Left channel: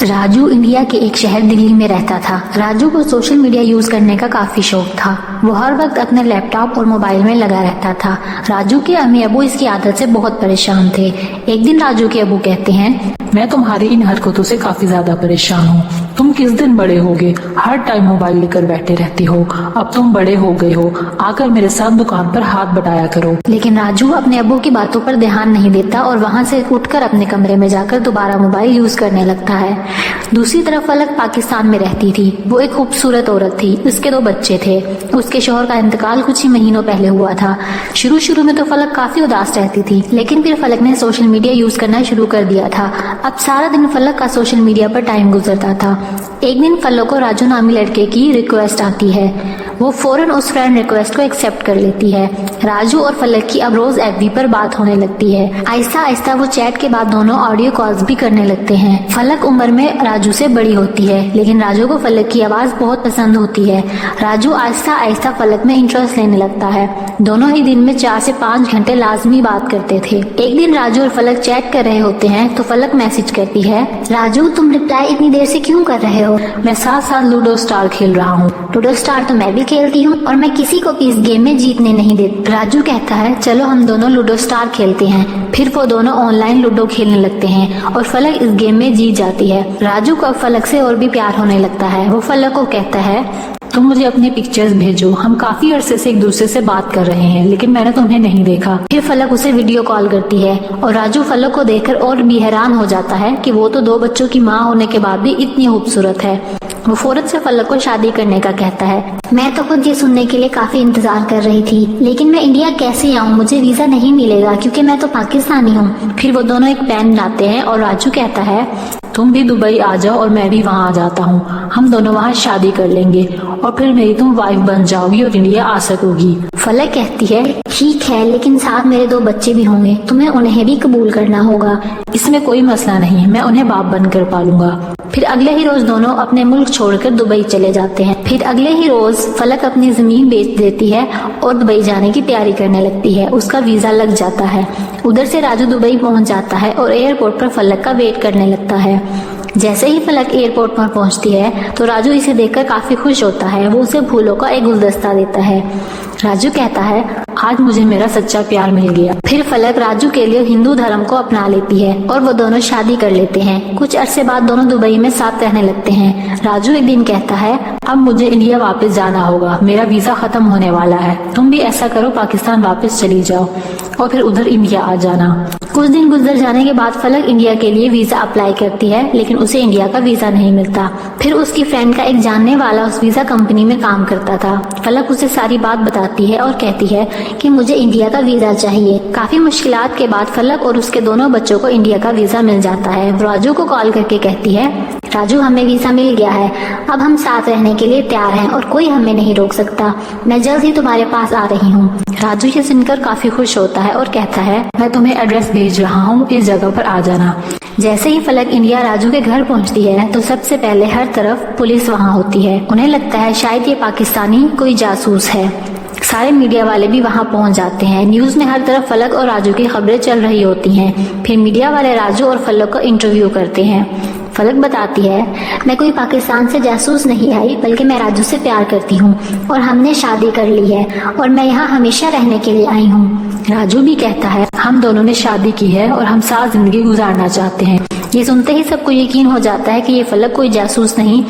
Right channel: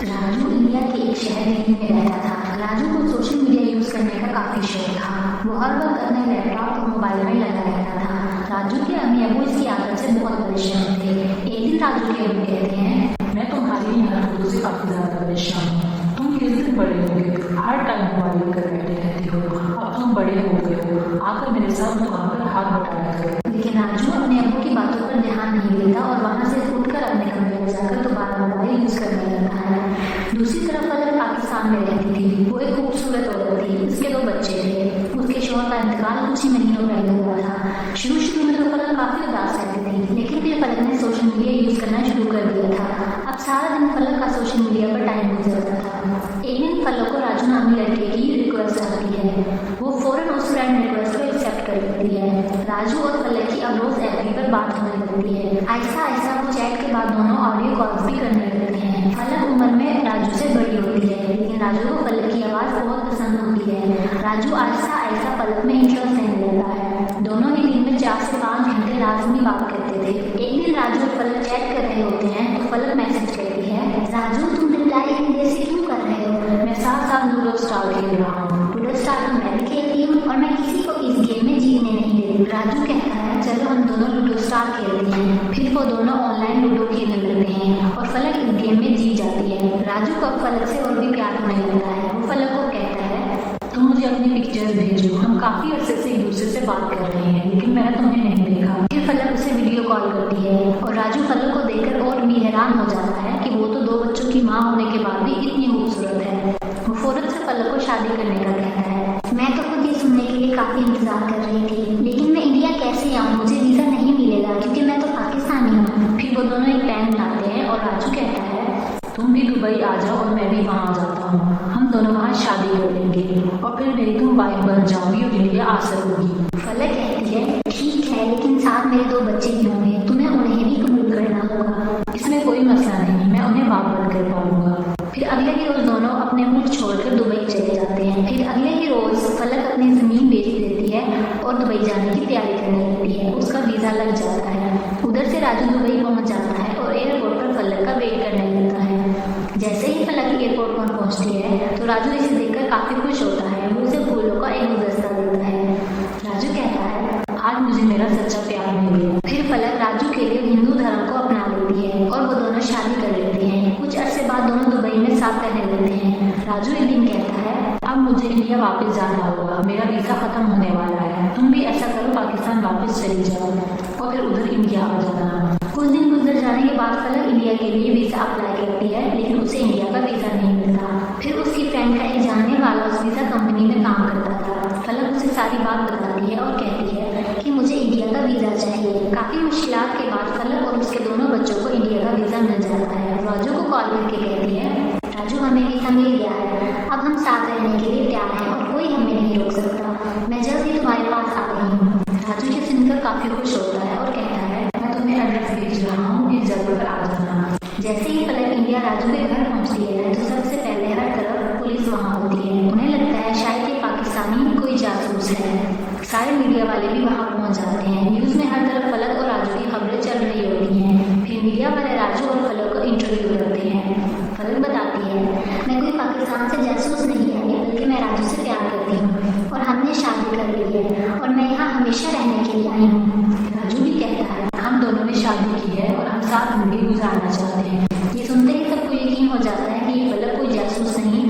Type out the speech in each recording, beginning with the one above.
Raju India के एक शहर दिल्ली में रहता था। राजू को सोशल मीडिया यूज करने का काफी शौक था। वो हर वक्त अपने लैपटॉप और मोबाइल में लगा रहता था। राजू के अम्मी अबू इसकी आदत से बहुत परेशान थे। एक दिन राजू के अबू कहते हैं, मैं तुम्हारी इन हरकतों से काफी ज्यादा परेशान हूँ। तुम किस दिन बड़े होगे? हर टाइम मोबाइल लेकर बैठे रहती हो। अब तुम बड़े हो गए हो, आकर मेरे साथ दुकान पर हाथ बटाया करो। लेकिन राजू अपने अबू की बातों पर ध्यान नहीं देता और वहाँ से उठकर अपने कमरे में जाकर दोबारा मोबाइल यूज करने लगता है। दूसरी तरफ फलक पाकिस्तान में रहती थी। वो एक खूबसूरत औरत थी। उसके 2 बच्चे थे। उसके शौहर का इंतकाल कुछ ही महीनों पहले हुआ था। शुरू में तो फलक काफी उदास रहती थी, लेकिन फिर फलक ने सोशल मीडिया यूज करना शुरू कर दिया था। अब सारा दिन फलक का सोशल मीडिया पर टाइम गुजरता था। एक दिन फलक को राजू नामी लड़के की रिक्वेस्ट आती है। वो फौरन उस फ्रेंड रिक्वेस्ट को एक्सेप्ट कर लेती है। राजू और फलक की अब रोज एफबी पर बात होने लगती है। आहिस्ता आहिस्ता वो चैट के बाद दोनों ऑडियो कॉल्स भी करने लगते हैं। फलक उम्र में राजू से बड़ी होती है, लेकिन राजू को फलक की आवाज बहुत पसंद होती है। राजू आहिस्ता आहिस्ता फलक में इंटरेस्ट लेने लगता है। दोनों ही दिन में 4 से 5 घंटे लाजमी बात करते थे। एक दिन राजू और फलक चैट कर रहे होते हैं तो फलक मैसेज करती है, राजू तुम रिप्लाई इतनी देर से क्यों कर रहे हो? मैं साथ साथ लूडो स्टार खेल रहा हूँ। लूडो स्टार तो मैं भी खेलती हूँ और मैं किसी को भी इस गेम में जीतने नहीं देती। राजू कहता है, चलो हम दोनों लूडो स्टार खेलते हैं। फिर वो दोनों ऑनलाइन लूडो खेलने लगते हैं और फलक इस गेम में जीत जाती है। राजू को अब फलक से और भी प्यार होने लगता है। वो फलक को कहता है, तुम मुझे अपने पिक्चर्स भेजो। हम काफी अरसे से एक दूसरे से बात कर रहे हैं, लेकिन मैंने तुम्हें नहीं देखा। फिर फलक उसे वीडियो कॉल करती है और राजू फलक को देखकर और भी हैरान हो जाता है कि वो तो 2 बच्चों की माँ होने के बाद भी इतनी खूबसूरत है। वो फौरन से फलक को शादी करने का कहता है। मैं तो खुद ये सुनने के लिए काफी इंतजार कर रही थी, लेकिन मैं इंडिया कैसे आऊँ? मुझे वीजा नहीं मिलेगा क्योंकि मैं तो पाकिस्तानी हूँ। फिर वो दोनों एक प्लान बनाते हैं और राजू कहता है, तुम भी दुबई आ जाओ और मैं भी वहाँ आ जाता हूँ। हम दोनों वहाँ शादी कर लेंगे और फिर मेरी तुम वाइफ बन जाओगी और इंडिया आ सकोगी। फलक कहती है, ठीक है, लेकिन साथ मेरे 2 बच्चे भी होंगे, तुम्हें उन्हें भी कबूल करना होगा। इसमें कोई मसला नहीं, मैं उन्हें बाप बनकर पालूंगा। फिर अगले ही रोज दोनों अपने मुल्क छोड़कर दुबई चले जाते हैं। फिर अगले ही रोज फलक अपनी जमीन बेच देती है और दुबई जाने की तैयारी करने लगती है। उसका वीजा लग जाता है। उधर से राजू दुबई पहुंच जाता है और एयरपोर्ट पर फलक का वेट करने लगता है। जैसे ही फलक एयरपोर्ट पर पहुंचती है तो राजू इसे देखकर काफी खुश होता है। वो उसे फूलों का एक गुलदस्ता देता है। राजू कहता है, आज मुझे मेरा सच्चा प्यार मिल गया। फिर फलक राजू के लिए हिंदू धर्म को अपना लेती है और वो दोनों शादी कर लेते हैं। कुछ अरसे बाद दोनों दुबई में साथ रहने लगते हैं। राजू एक दिन कहता है, अब मुझे इंडिया वापस जाना होगा। मेरा वीजा खत्म होने वाला है। तुम भी ऐसा करो, पाकिस्तान वापस चली जाओ और फिर उधर इंडिया आ जाना। कुछ दिन गुजर जाने के बाद फलक इंडिया के लिए वीजा अप्लाई करती है, लेकिन उसे इंडिया का वीजा नहीं मिलता। फिर उसकी फ्रेंड का एक जानने वाला उस वीजा कंपनी में काम करता था। फलक उसे सारी बात बताती है और कहती है कि मुझे इंडिया का वीजा चाहिए। काफी मुश्किलात के बाद फलक और उसके दोनों बच्चों को इंडिया का वीजा मिल जाता है। राजू को कॉल करके कहती है, राजू हमें वीजा मिल गया है। अब हम साथ रहने के लिए तैयार हैं और कोई हमें नहीं रोक सकता। मैं जल्द ही तुम्हारे पास आ रही हूँ। राजू ये सुनकर काफी खुश होता है और कहता है, मैं तुम्हें एड्रेस भेज रहा हूँ, इस जगह पर आ जाना। जैसे ही फलक इंडिया राजू के घर पहुंचती है तो सबसे पहले हर तरफ पुलिस वहां होती है। उन्हें लगता है शायद ये पाकिस्तानी कोई जासूस है। सारे मीडिया वाले भी वहां पहुंच जाते हैं। न्यूज में हर तरफ फलक और राजू की खबरें चल रही होती हैं। फिर मीडिया वाले राजू और फलक का इंटरव्यू करते हैं। फलक बताती है, मैं कोई पाकिस्तान से जासूस नहीं आई, बल्कि मैं राजू से प्यार करती हूँ और हमने शादी कर ली है और मैं यहाँ हमेशा रहने के लिए आई हूँ। राजू भी कहता है, हम दोनों ने शादी की है और हम साथ जिंदगी गुजारना चाहते हैं। ये सुनते ही सबको यकीन हो जाता है कि ये फलक कोई जासूस नहीं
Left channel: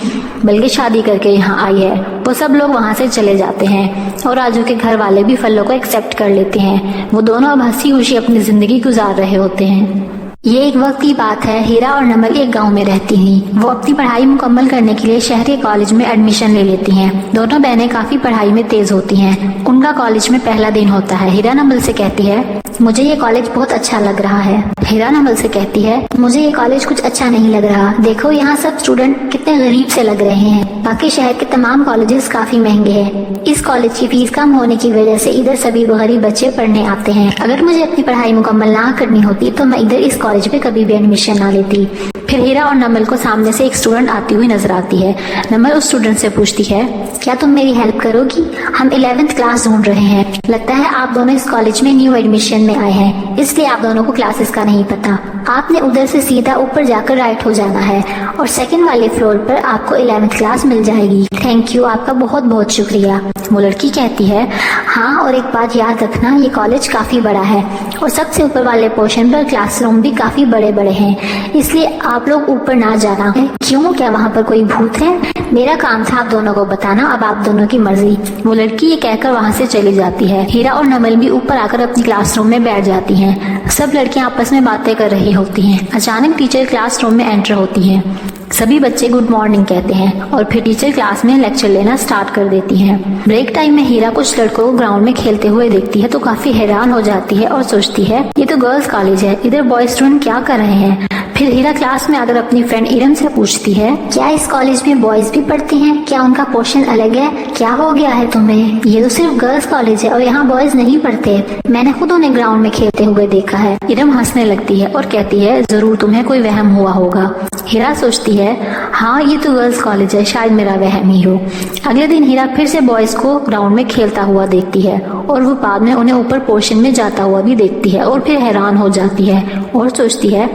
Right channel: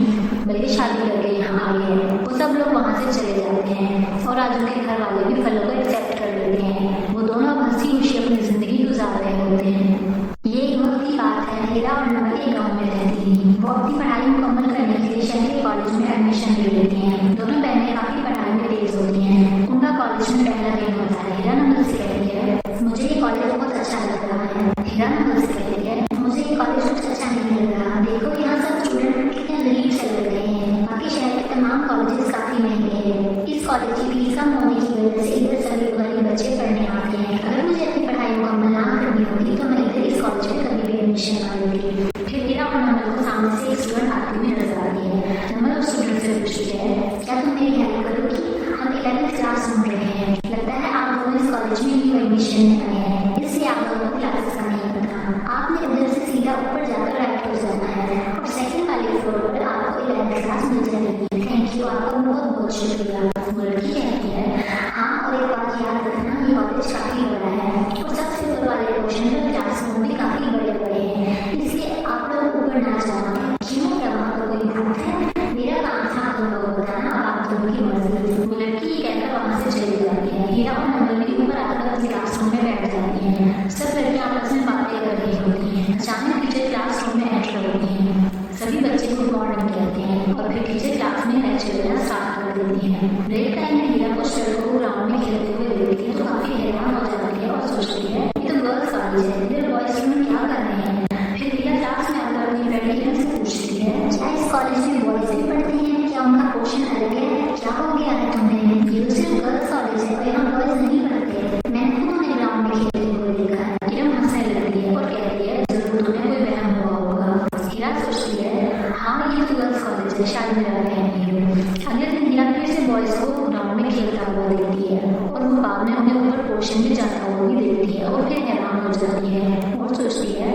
बल्कि शादी करके यहाँ आई है। वो सब लोग वहाँ से चले जाते हैं और राजू के घर वाले भी फलक को एक्सेप्ट कर लेते हैं। वो दोनों अब हंसी खुशी अपनी जिंदगी गुजार रहे होते हैं। ये एक वक्त की बात है। हीरा और नमल एक गांव में रहती थी। वो अपनी पढ़ाई मुकम्मल करने के लिए शहर के कॉलेज में एडमिशन ले लेती हैं। दोनों बहनें काफी पढ़ाई में तेज होती हैं। उनका कॉलेज में पहला दिन होता है। हीरा नमल से कहती है, मुझे ये कॉलेज बहुत अच्छा लग रहा है। हीरा नमल से कहती है, मुझे ये कॉलेज कुछ अच्छा नहीं लग रहा। देखो यहाँ सब स्टूडेंट कितने गरीब से लग रहे हैं। बाकी शहर के तमाम कॉलेजेस काफी महंगे हैं। इस कॉलेज की फीस कम होने की वजह से इधर सभी गरीब बच्चे पढ़ने आते हैं। अगर मुझे अपनी पढ़ाई मुकम्मल ना करनी होती तो मैं इधर इस कॉलेज में कभी भी एडमिशन ना लेती। फिर हीरा और नमल को सामने से एक स्टूडेंट आती हुई नजर आती है। नमल उस स्टूडेंट से पूछती है, क्या तुम मेरी हेल्प करोगी? हम 11th क्लास ढूंढ रहे हैं। लगता है आप दोनों इस कॉलेज में न्यू एडमिशन में आए हैं, इसलिए आप दोनों को क्लासेस का नहीं पता। आपने उधर से सीधा ऊपर जाकर राइट हो जाना है और सेकंड वाले फ्लोर पर आपको 11th क्लास मिल जाएगी। थैंक यू, आपका बहुत बहुत शुक्रिया। वो लड़की कहती है, हाँ, और एक बात याद रखना, ये कॉलेज काफी बड़ा है और सबसे ऊपर वाले पोर्शन पर क्लासरूम भी काफी बड़े बड़े हैं, इसलिए आप लोग ऊपर ना जाना। क्यों, क्या वहाँ पर कोई भूत है? मेरा काम था आप दोनों को बताना, अब आप दोनों की मर्जी। वो लड़की ये कहकर वहाँ से चली जाती है। हीरा और नमल भी ऊपर आकर अपनी क्लासरूम में बैठ जाती हैं। सब लड़कियां आपस में बातें कर रही होती हैं। अचानक टीचर क्लासरूम में एंटर होती हैं। सभी बच्चे गुड मॉर्निंग कहते हैं और फिर टीचर क्लास में लेक्चर लेना स्टार्ट कर देती हैं। ब्रेक टाइम में हीरा कुछ लड़कों को ग्राउंड में खेलते हुए देखती है तो काफी हैरान हो जाती है और सोचती है, ये तो गर्ल्स कॉलेज है, इधर बॉयज स्टूडेंट क्या कर रहे हैं? फिर हीरा क्लास में आकर अपनी फ्रेंड इरम से पूछती है, क्या इस कॉलेज में बॉयज भी पढ़ते हैं? क्या उनका पोर्शन अलग है? क्या हो गया है तुम्हें? ये तो सिर्फ गर्ल्स कॉलेज है और यहाँ बॉयज नहीं पढ़ते। मैंने खुद उन्हें ग्राउंड में खेलते हुए देखा है। इरम हंसने लगती है और कहती है, जरूर तुम्हें कोई वहम हुआ होगा। हीरा सोचती है, हाँ, ये तो गर्ल्स कॉलेज है, शायद मेरा वहम ही हो। अगले दिन हीरा फिर से बॉयज को ग्राउंड में खेलता हुआ देखती है और वो बाद में उन्हें ऊपर पोर्शन में जाता हुआ भी देखती है और फिर हैरान हो जाती है और सोचती है,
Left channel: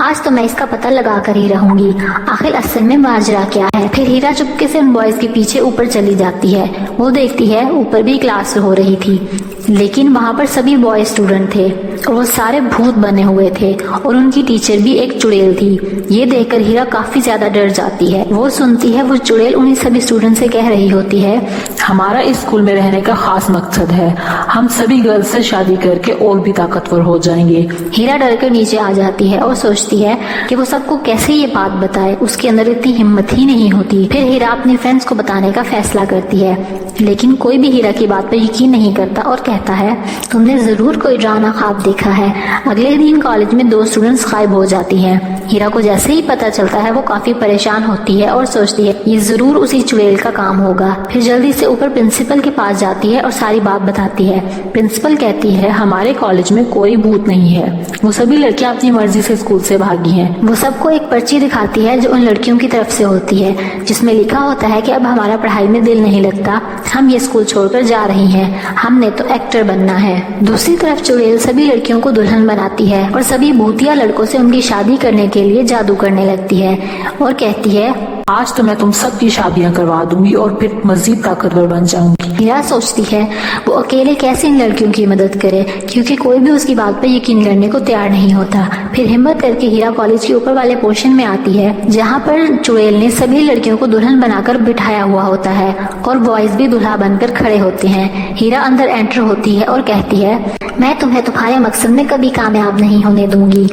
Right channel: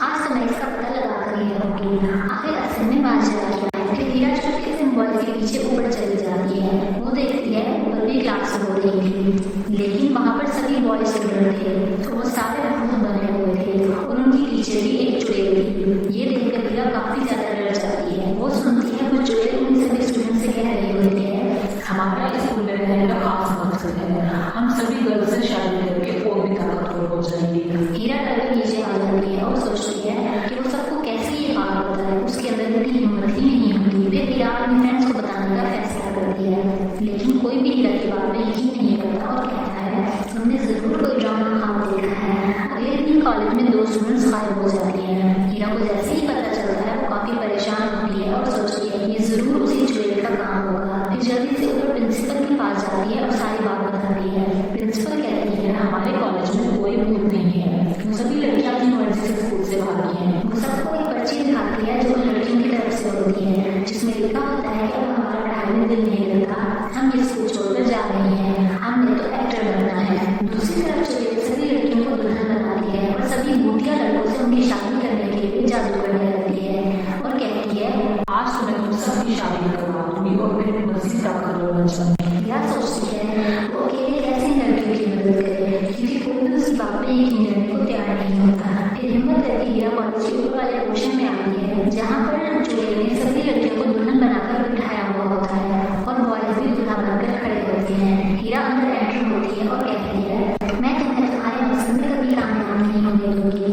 आज तो मैं इसका पता लगा कर ही रहूंगी, आखिर असल में माजरा क्या है। फिर हीरा चुपके से उन बॉयज के पीछे ऊपर चली जाती है। वो देखती है ऊपर भी क्लास हो रही थी, लेकिन वहाँ पर सभी बॉय स्टूडेंट थे और वो सारे भूत बने हुए थे और उनकी टीचर भी एक चुड़ैल थी। ये देखकर हीरा काफी ज्यादा डर जाती है। वो सुनती है वो चुड़ैल उन्हीं सभी स्टूडेंट से कह रही होती है, हमारा इस स्कूल में रहने का खास मकसद है, हम सभी गर्ल्स से शादी करके और भी ताकतवर हो जाएंगे। हीरा डर कर नीचे आ जाती है और सोचती है कि वो सबको कैसे ये बात बताए, उसके अंदर इतनी हिम्मत ही नहीं होती। फिर हीरा अपनी फ्रेंड्स को बताने का फैसला करती है, लेकिन कोई भी हीरा की बात पर यकीन नहीं करता और कहता है, तुमने जरूर कोई डरावना ख्वाब देखा है। अगले दिन कॉलेज में 2 स्टूडेंट्स गायब हो जाती हैं। हीरा को जैसे ही पता चलता है वो काफी परेशान होती है और सोचती है ये जरूर उसी चुड़ैल का काम होगा। फिर जल्दी से ऊपर प्रिंसिपल के पास जाती है और सारी बात बताती है। प्रिंसिपल कहती है, हमारे कॉलेज में कोई भूत नहीं है, वो सभी लड़कियां अपनी मर्जी से स्कूल से भागी हैं। वो सबको एक पर्ची दिखाती है जो उन लड़कियों की तरफ से होती है, जिसमें लिखा होता है कि अब हमारा पढ़ाई में दिल नहीं लगता, हम ये स्कूल छोड़कर जा रही हैं, हमने तो एक्टर बनना है। दूसरी तरफ चुड़ैल सभी लड़कियों को दुल्हन बनाती है और सभी भूतिया लड़कों से उनकी शादी करने के लिए जादू करने लगती है और कहती है, आज तो मैं तुम सबकी शादियां करवा दूंगी और फिर मजीद ताकतवर बन जाऊंगी। हीरा सोचती है वो अकेले कैसे इन लड़कियों की मदद करे, क्योंकि कोई भी उसकी बात पर यकीन करने को तैयार नहीं होता। फिर हिम्मत करके हीरा कॉलेज के ऊपर वाले पोर्शन में आती है, जहाँ पर चुड़ैल ने सभी लड़कियों को दुल्हन बनाकर बिठाया हुआ होता है और बॉयज भी दुल्हा बनकर खड़े होते हैं। हीरा अंदर एंटर होती है और कहती है, मैं तुम्हें तुम्हारे मकसद में कभी कामयाब नहीं होने दूंगी।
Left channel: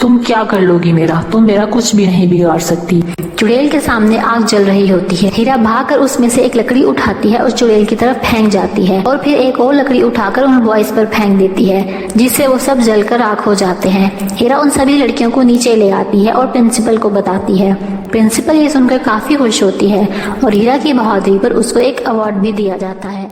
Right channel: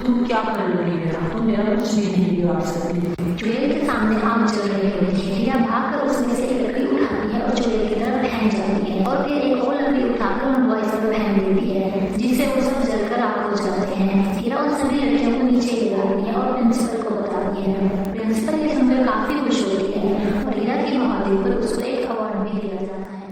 तुम क्या कर लोगी मेरा, तुम मेरा कुछ भी नहीं बिगाड़ सकती। चुड़ैल के सामने आग जल रही होती है। हीरा भागकर उसमें से एक लकड़ी उठाती है और चुड़ैल की तरफ फेंक जाती है और फिर एक और लकड़ी उठाकर उन बॉयज पर फेंक देती है, जिससे वो सब जलकर राख हो जाते हैं। हीरा उन सभी लड़कियों को नीचे ले आती है और प्रिंसिपल को बताती है। प्रिंसिपल ये सुनकर काफी खुश होती है और हीरा की बहादुरी पर उसको एक अवार्ड भी दिया जाता है।